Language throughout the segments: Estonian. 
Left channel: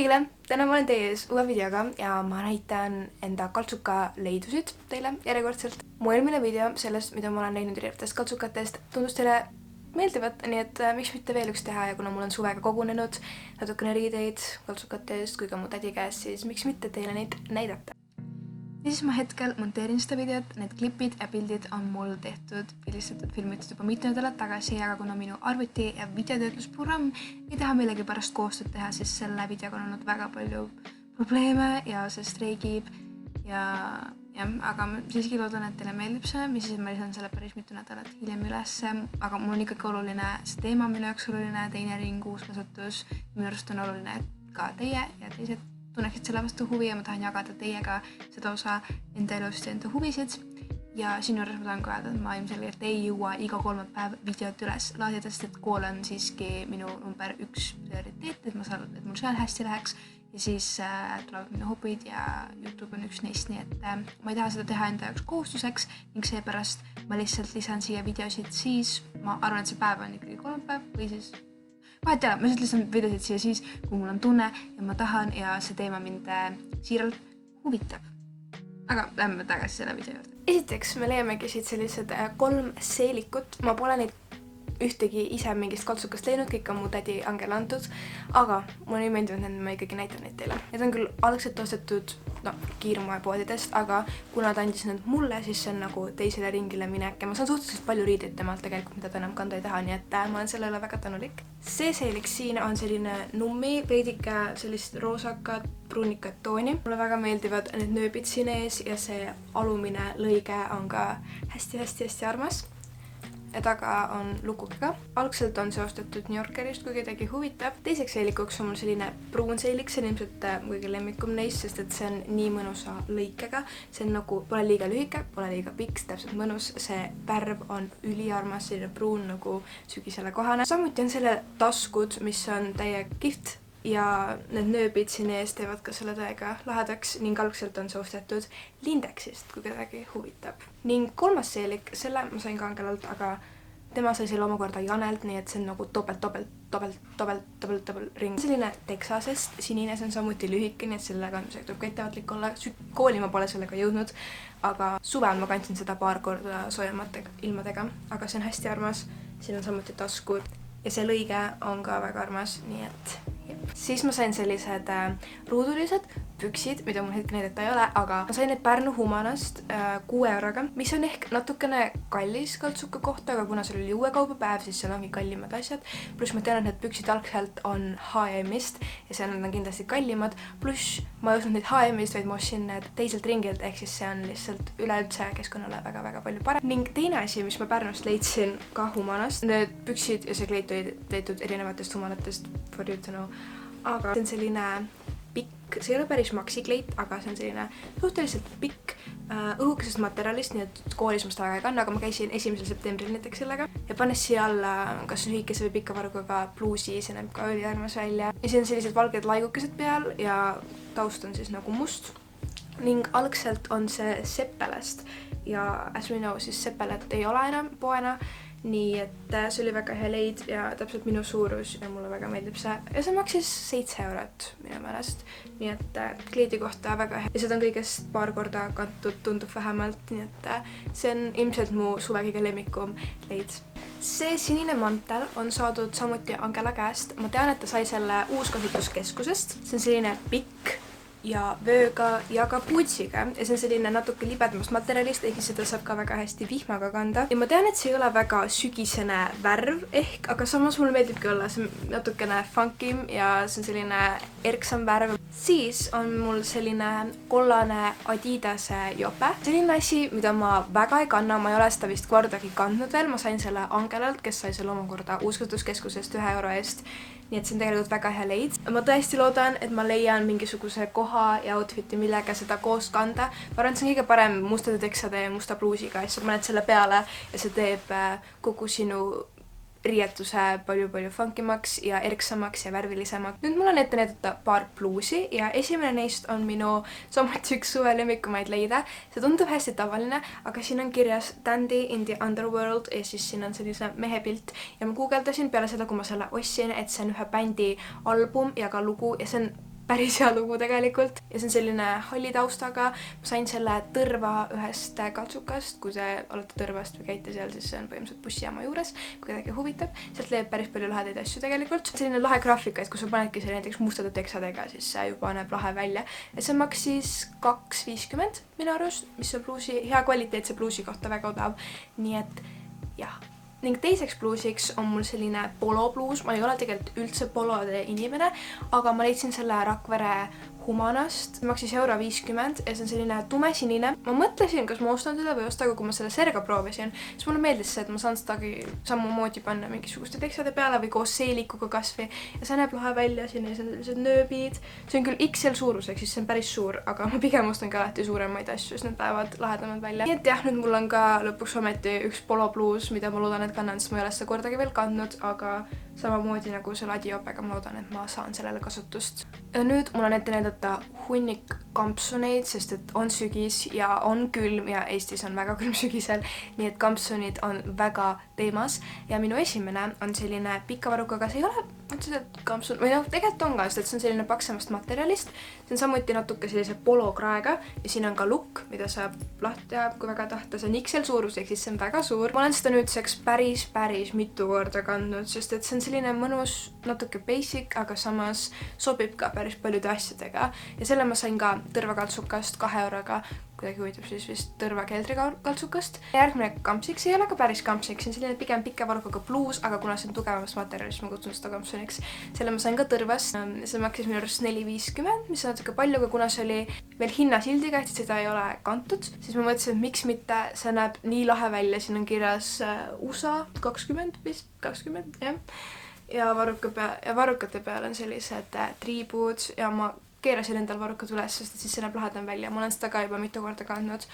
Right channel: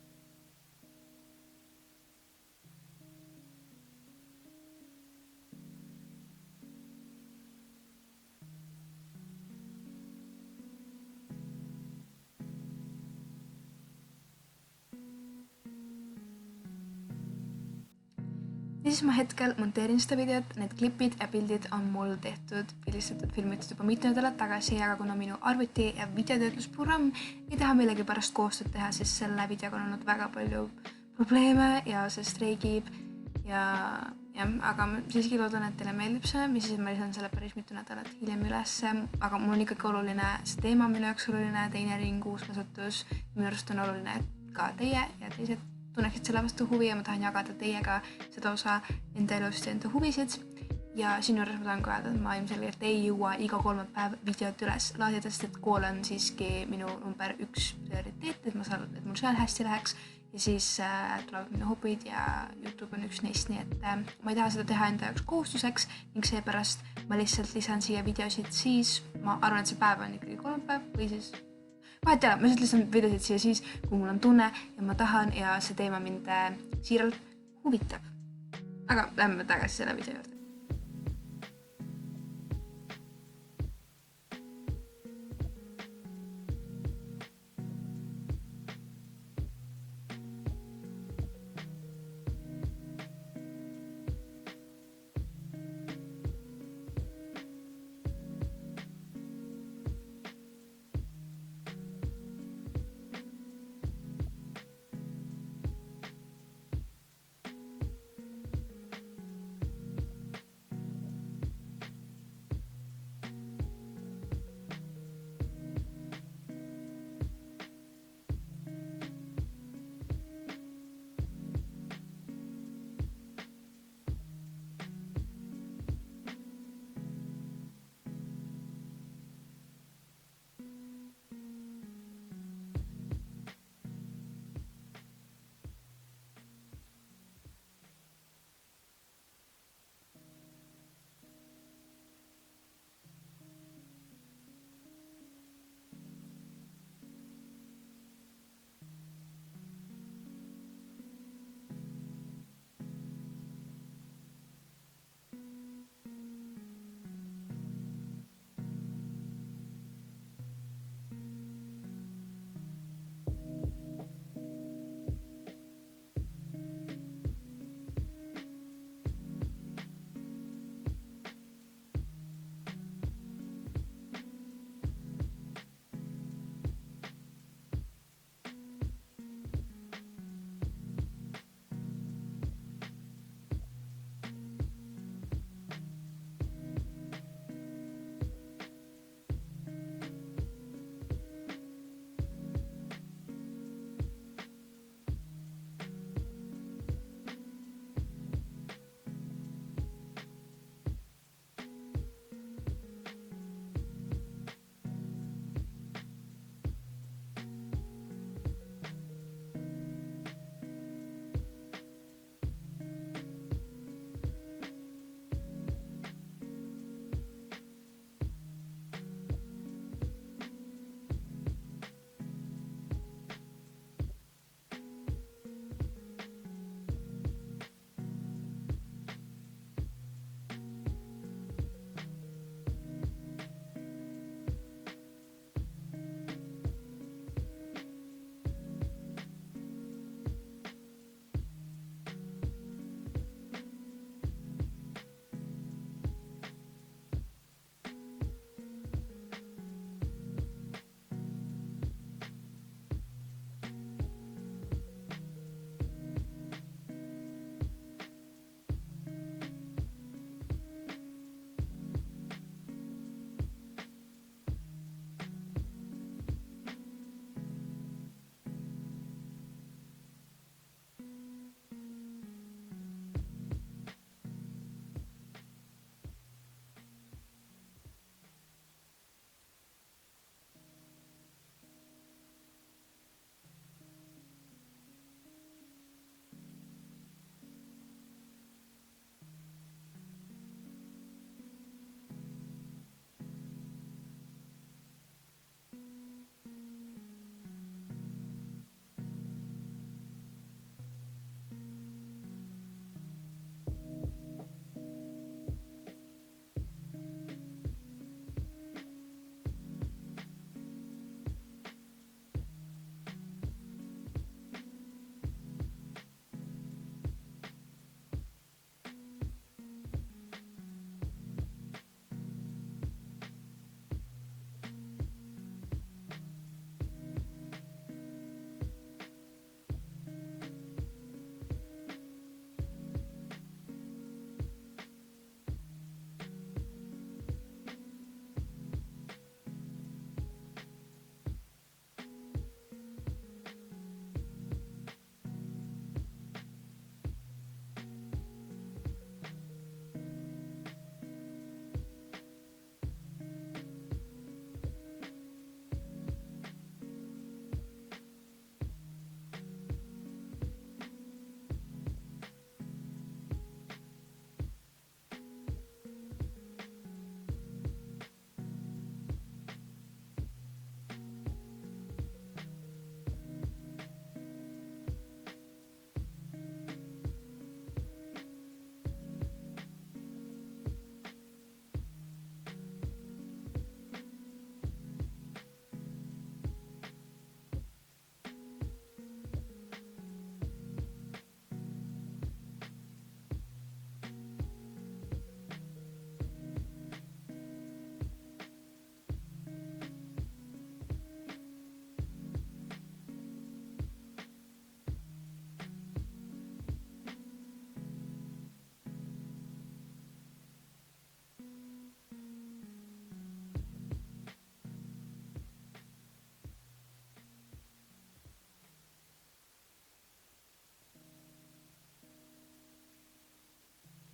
kõigile! Täna ma olen teie ees uue videoga ja ma näitan enda kaltsuka leidusid teile järjekordselt. Mu eelmine video sellest, mida ma olen näinud erinevatest kaltsukatest, tundus teile meeldivat, nii et miks mitte veel üks teha ja kuna mul on suvega kogunenud natukene riideid kaltsukatest kui ka mu tädi käest, siis miks mitte teile neid näidata. Ja siis ma hetkel monteerin seda videot, need klipid ja pildid on mul tehtud, filmitud juba mitu nädalat tagasi, aga kuna minu arvuti ja videotöötlusprogramm ei taha millegipärast koostööd teha, siis selle videoga on olnud väga palju probleeme ja see streigib aga ma siiski loodan, et teile meeldib see, mis siis ma lisan selle päris mitu nädalat hiljem ülesse, aga mul on ikkagi oluline see teema, minu jaoks oluline, teine ring, uus kasutus, minu arust on oluline, et ka teie ja teised tunneksid selle vastu huvi ja ma tahan jagada teiega seda osa enda elust ja enda huvisid. Ja sinu juures ma tahan ka öelda, et ma ilmselgelt ei jõua iga kolmapäev videot üles laadida, sest et kool on siiski minu number 1 prioriteet, et mul seal hästi läheks ja siis tulevad minu hobid ja YouTube on üks neist, nii et ma ei taha seda teha enda jaoks kohustuseks ning seepärast ma lihtsalt lisan siia videosid siis, ma arvan, et see päev on ikkagi kolmapäev või siis vahet ei ole, ma lihtsalt lisan videosid siia siis, kui mul on tunne ja ma tahan ja see teema mind siiralt huvitab. Aga lähme tagasi selle video juurde. Esiteks me leiamegi siit sellised 3 seelikut. Ma pole neid ühtegi ise mingist kaltsukast leidnud, kõik on mu tädi Angela antud, aga mulle ei meeldinud need, ma ikkagi näitan neid teile. Need on küll algselt ostetud kiirmoepoodidest, aga kuna ta andis need mulle, siis see on nagu teisele ringile minek ja ma saan suhteliselt palju riideid temalt tegelikult, mida ta enam kanda ei taha, nii et ma olen sellele väga tänulik. See seelik siin on selline nummi, veidike sellist roosakat, pruunikat tooni. Mulle väga meeldivad need nööbid siin ees ja see alumine lõige on ka hästi armas. Ja taga on lukuga. Algselt on see ostetud New Yorkerist, kui kedagi huvitab. Teiseks seelikuks on mul selline pruun seelik, see on ilmselt kõige lemmikum neist, sest et see on nii mõnusa lõikega. See on nagu, pole liiga lühike, pole liiga pikk, täpselt mõnus. See värv on üliarmas, selline pruun nagu sügisele kohane. Samuti on selle taskud, mis on täiega kihvt ja need nööbid siin ees teevad ka selle täiega lahedaks ning algselt on see ostetud Lindexist, kui kedagi huvitab. Ning kolmas seelik, selle ma sain ka Angelalt, aga tema sai selle omakorda Janelt, nii et see on nagu topelt ring. Selline Texasest, sinine, see on samuti lühike, nii et sellega tuleb ka ettevaatlik olla. Kooli ma pole sellega jõudnud, aga suvel ma kandsin seda paar korda soojemate ilmadega, aga see on hästi armas. Siin on samuti taskud ja see lõige on ka väga armas, nii et siis ma sain sellised ruudulised püksid, mida mul hetkel näidata ei ole, aga ma sain need Pärnu Humanast 6 euroga, mis on ehk natukene kallis kaltsuka kohta, aga kuna seal oli uue kaubapäev, siis seal ongi kallimad asjad. Pluss ma tean, et need püksid algselt on H&M-ist ja seal on kindlasti kallimad. Pluss ma ei ostnud neid H&M-ist, vaid ma ostsin need teiselt ringilt, ehk siis see on lihtsalt üleüldse keskkonnale väga palju parem. Ning teine asi, mis ma Pärnust leidsin ka Humanast, need püksid ja see kleit oli tehtud erinevatest Humanatest for you to know. Aga see on selline pikk, see ei ole päris maksikleit, aga see on selline suhteliselt pikk õhukesest materjalist, nii et koolis ma seda väga ei kanna, aga ma käisin 1. septembril näiteks sellega ja pannes siia alla kas lühikese või pika varguga pluusi, see näeb ka üliarmas välja. Ja siin on sellised valged laigukesed peal ja taust on siis nagu must ning algselt on see Seppelest ja as we know, siis Seppelet ei ole enam poena. Nii et see oli väga hea leid ja täpselt minu suurus ja mulle väga meeldib see. Ja see maksis 7 eurot minu meelest. Nii et kleidi kohta väga hea. Ja seda on kõigest paar korda kantud, tundub vähemalt. Nii et see on ilmselt mu suve kõige lemmikum leid. See sinine mantel on saadud samuti Angela käest. Ma tean, et ta sai selle uuskasutuskeskusest. See on selline pikk ja vööga ja ka puutsiga ja see on selline natuke libedamast materjalist, ehk seda saab ka väga hästi vihmaga kanda ja ma tean, et see ei ole väga sügisene värv ehk, aga samas mulle meeldibki olla see natukene funkim ja see on selline erksam värv. Siis on mul selline kollane Adidase jope, selline asi, mida ma väga ei kanna, ma ei ole seda vist kordagi kandnud veel, ma sain selle Angelalt, kes sai selle omakorda uuskasutuskeskusest 1 euro eest. Nii et see on tegelikult väga hea leid. Ma tõesti loodan, et ma leian mingisuguse koha ja outfiti, millega seda koos kanda. Ma arvan, et see on kõige parem mustade teksade ja musta pluusiga, et sa paned selle peale ja see teeb kogu sinu riietuse palju funkimaks ja erksamaks ja värvilisemaks. Nüüd mul on ette näidata paar pluusi ja esimene neist on minu samuti üks suve lemmikumaid leida. See tundub hästi tavaline, aga siin on kirjas Dandy in the Underworld ja siis siin on sellise mehepilt ja ma guugeldasin peale seda, kui ma selle ostsin, et see on ühe bändi album ja ka lugu ja see on päris hea lugu tegelikult ja see on selline halli taustaga. Ma sain selle Tõrva ühest kaltsukast, kui te olete Tõrvast või käite seal, siis see on põhimõtteliselt bussijaama juures, kui kedagi huvitab. Sealt leiab päris palju lahedaid asju tegelikult. Selline lahe graafika, et kui sa panedki selle näiteks mustade teksadega, siis see juba näeb lahe välja. Ja see maksis 2,50 minu arust, mis on hea kvaliteetse pluusi kohta väga odav. Nii et jah. Ning teiseks pluusiks on mul selline polopluus. Ma ei ole tegelikult üldse polode inimene, aga ma leidsin selle Rakvere Humanast. Maksis €50 ja see on selline tumesinine. Ma mõtlesin, kas ma ostan seda või osta, aga kui ma selle serga proovisin, siis mulle meeldis see, et ma saan sedagi samamoodi panna mingisuguste teksade peale või koos seelikuga kasvi. Ja see näeb lahe välja, siin on sellised nööbid. See on küll XL suuruseks, siis see on päris suur, aga ma pigem ostan ka alati suuremaid asju, siis need päevad lahedamad välja. Nii et jah, nüüd mul on ka lõpuks ometi üks polopluus, mida ma loodan, et kannan, sest ma ei ole seda kordagi veel kandnud, aga samamoodi nagu selle Adiopega ma loodan, et ma saan sellele kasutust. Ja nüüd mul on ette näidata hunnik kampsuneid, sest et on sügis ja on külm ja Eestis on väga külm sügisel, nii et kampsunid on väga teemas ja minu esimene on selline pika varrukaga, see ei ole otseselt kampsun, või noh, tegelikult on ka, sest et see on selline paksemast materjalist, see on samuti natuke sellise polokraega ja siin on ka lukk, mida saab lahti teha, kui väga tahta, see on XL suuruseks, siis see on väga suur. Ma olen seda nüüdseks päris mitu korda kandnud, sest et see on selline mõnus, natuke basic, aga samas sobib ka päris paljude asjadega ja selle ma sain ka Tõrva kaltsukast 2 euroga, kuidagi huvitab siis vist Tõrva keldrikaltsukast. Järgmine kampsik, see ei ole ka päris kampsik, see on selline pigem pika varrukaga pluus, aga kuna see on tugevamast materjalist, ma kutsun seda kampsuniks. Selle ma sain ka Tõrvast, see maksis minu arust 4,50, mis on natuke palju, aga kuna see oli veel hinnasildiga, et seda ei ole kantud, siis ma mõtlesin, et miks mitte, see näeb nii lahe välja, siin on kirjas USA 20 vist, 20, jah. Ja varrukate peal on sellised triibud ja ma keerasin endal varrukad üles, sest siis see näeb lahedam välja. Ma olen seda ka juba mitu korda kandnud.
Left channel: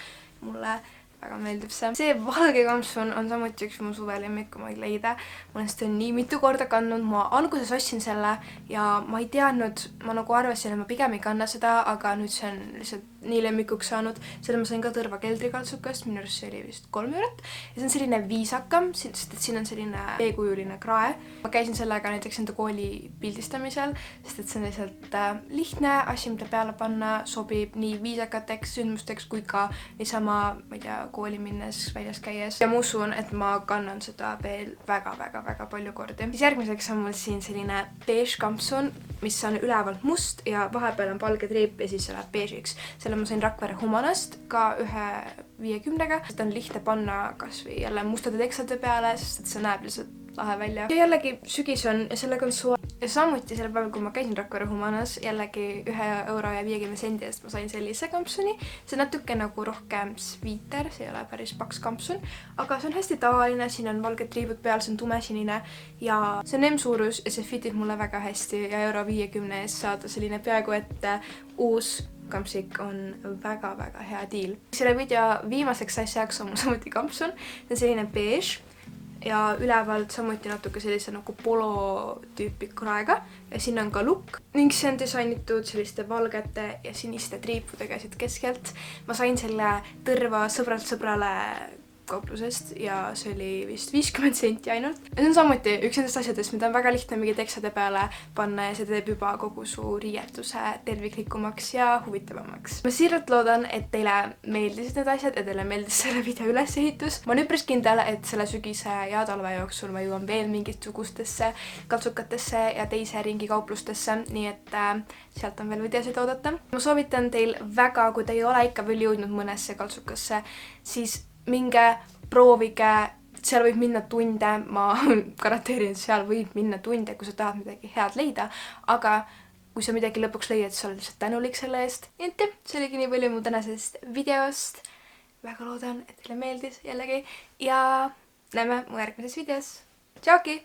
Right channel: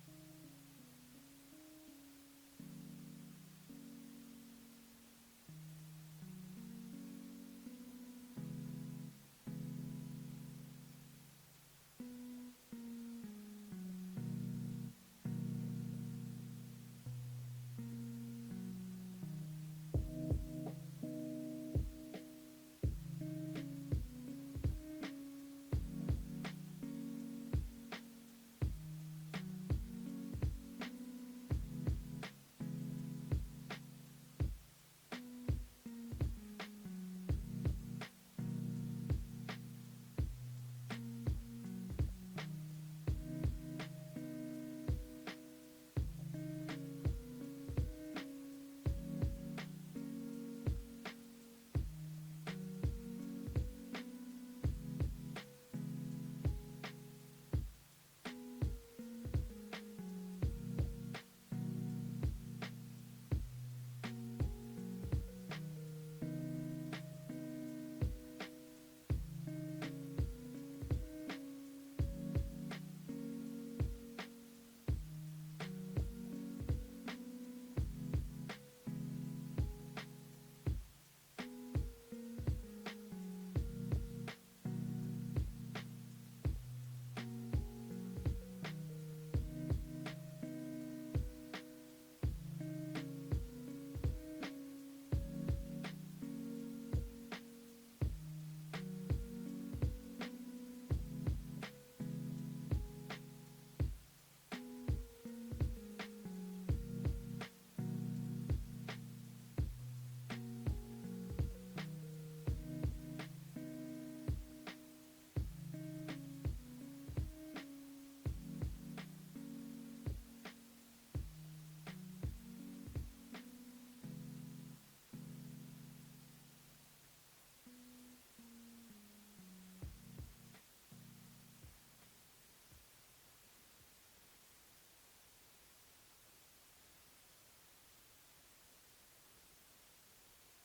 Mulle väga meeldib see. See valge kampsun on samuti üks mu suvelemmik, kui ma ei leida. Ma olen seda nii mitu korda kandnud. Ma alguses ostsin selle ja ma ei teadnud, ma nagu arvasin, et ma pigem ei kanna seda, aga nüüd see on lihtsalt nii lemmikuks saanud. Selle ma sain ka Tõrva keldrikaltsukast, minu arust see oli vist 3 eurot. Ja see on selline viisakam, sest et siin on selline veekujuline krae. Ma käisin sellega näiteks enda kooli pildistamisel, sest et see on lihtsalt lihtne asi, mida peale panna, sobib nii viisakateks sündmusteks kui ka niisama, ma ei tea, kooli minnes, väljas käies. Ja ma usun, et ma kannan seda veel väga palju kordi. Siis järgmiseks on mul siin selline beige kampsun, mis on ülevalt must ja vahepeal on valge triip ja siis see läheb beige'iks. Selle ma sain Rakvere Humanast ka 1,50-ga. Seda on lihtne panna kas või jälle mustade teksade peale, sest et see näeb lihtsalt lahe välja. Ja jällegi sügis on ja sellega on suva. Ja samuti selle päeval, kui ma käisin Rakvere Humanas, jällegi 1,50 eest ma sain sellise kampsuni. See on natuke nagu rohkem sviiter, see ei ole päris paks kampsun, aga see on hästi tavaline, siin on valged triibud peal, see on tumesinine ja see on M-suurus ja see fitib mulle väga hästi ja €50 eest saada selline peaaegu et uus kampsik on väga hea deal. Selle video viimaseks asjaks on mul samuti kampsun, see on selline beige ja ülevalt samuti natuke sellise nagu polo tüüpi kraega ja siin on ka lukk ning see on disainitud selliste valgete ja siniste triipudega siit keskelt. Ma sain selle Tõrva sõbralt sõbrale kauplusest ja see oli vist 50 senti ainult. Ja see on samuti üks nendest asjadest, mida on väga lihtne mingi teksade peale panna ja see teeb juba kogu su riietuse terviklikumaks ja huvitavamaks. Ma siiralt loodan, et teile meeldisid need asjad ja teile meeldis selle video ülesehitus. Ma olen üpris kindel, et selle sügise ja talve jooksul ma jõuan veel mingisugustesse kaltsukatesse ja teise ringi kauplustesse, nii et sealt on veel videosid oodata. Ma soovitan teil väga, kui te ei ole ikka veel jõudnud mõnesse kaltsukasse, siis minge, proovige, seal võib minna tunde, ma garanteerin, et seal võib minna tunde, kui sa tahad midagi head leida, aga kui sa midagi lõpuks leiad, siis oled lihtsalt tänulik selle eest. Nii et see oligi nii palju mu tänasest videost. Väga loodan, et teile meeldis jällegi ja näeme mu järgmises videos. Tšauki!